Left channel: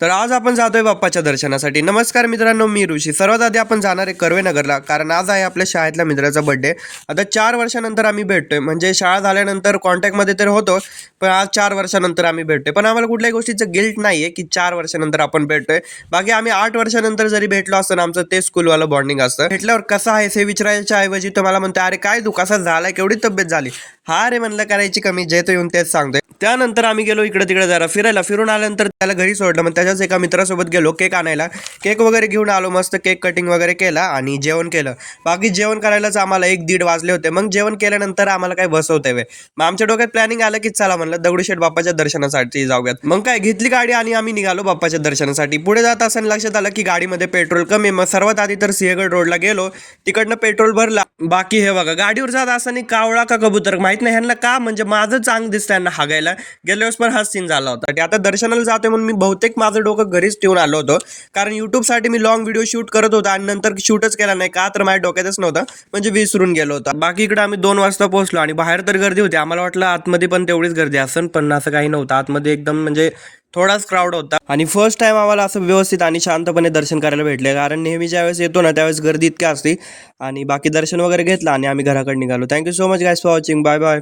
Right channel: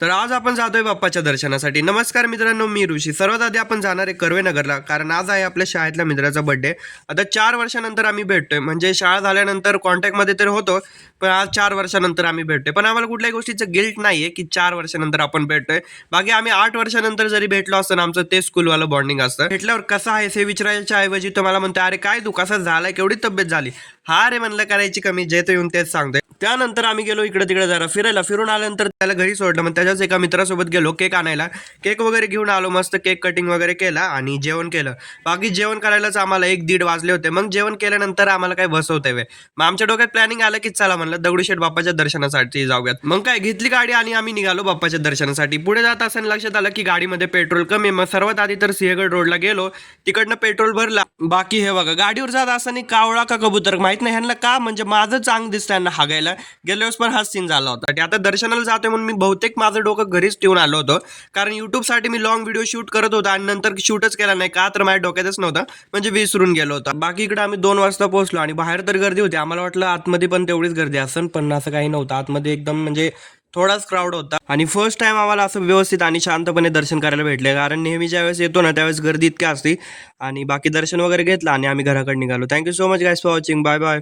तर आज आपण जातोय बाप्पाच्या दर्शनासाठी. नमस्कार मित्रांनो, मी ऋषी. सर्वात आधी आपण जाणार आहे कर्वेनगरला, कारण आज आहे आपल्या शाळेतल्या मित्राचा बर्थडे. आता 4 वर्षानंतर आम्ही भेटतोय. म्हणजे शाळा झाल्यानंतर कॉन्टॅक्टमध्ये तर होतो, पण आज 4 वर्षानंतर आम्ही भेटतोय. पण आम्हाला कुठल्याही गोष्टीचं गिल्ट नाही आहे की 4 वर्षानंतर आपण भेटतोय. बाकी आम्ही 8 वर्षानंतर जरी भेटलो असतं ना, आमचं ते स्कूलवालं बॉन्डिंग असतं. भेटल्यावर कसं आहेस हे विचारायच्या ऐवजी तो मला म्हणतो, अरे काय तू कसा झालाय, केवढी तब्येत झाली. हा रे म्हणलं, करायची कमी, जे तो येऊन तेच सांगतोय. त्यानंतर आम्ही गेलो इकडे तिकडे जरा फिरायला. फिरून आल्यानंतर त्याला घरी सोडलं. मग त्याच्याच एका मित्रासोबत गेलो केक आणायला. केक वगैरे घेऊन आलो. मस्त केक कटिंग वगैरे केला आणि जेवण केलं. बाकी जेवण करायलाच आम्हाला 1-1:30 वाजले होते. मग जेवण केल्यानंतर आम्हाला काय बसवतंय व्हय. मग आमच्या डोक्यात प्लॅनिंग आलं की चला म्हणलं दगडूशेठ बाप्पाच्या दर्शनासाठी जाऊयात. मग काय घेतली गाडी आणि आम्ही निघालो बाप्पाच्या दर्शनासाठी. पुढे जात असताना लक्षात आलं की गाडीमध्ये पेट्रोल कमी. मग सर्वात आधी तर सिंहगड रोडला गेलो. तिकडनं पेट्रोल भरला. बाकी हे बघा, गाडीवर जात असताना कावळा का कबूतर माहित नाही ह्यांना का, म्हणजे माझं चांग दिसतं यांना हागायला. गेल्या वेळेस पण हाच सीन झाला होता. आता दर्शनाला जातोय म्हणून मी बहुतेक माझं डोकं घरीच ठेवून आलो होतो, कारण युट्यूबसाठी मी लॉंग व्हिडिओ शूट करत होतो आणि नंतर शूटच केला नाही का, तर माझ्या डोक्यातच नव्हतं, म्हणजे विसरून गेलो होता. बाकी इकडे आम्ही 2 वाजता पोहोचलो आणि बाहेर तर गर्दी होती. आम्हाला वाटलं आतमध्ये पण तेवढीच गर्दी असेल, पण असं काही नव्हतं. आतमध्ये एकदम म्हणजे थोडाच क्राऊड होता आणि फर्स्ट टाइम आम्हाला असं व्यवस्थित आणि शांतपणे दर्शन करायला भेटले, कारण नेहमी ज्यावेळेस येतो ना त्यावेळेस गर्दी इतकी असते. आणि बाकी दर्शन वगैरे घेतलं आणि आम्ही घराकडे निघालो. Thank you so much guys for watching. Bye bye.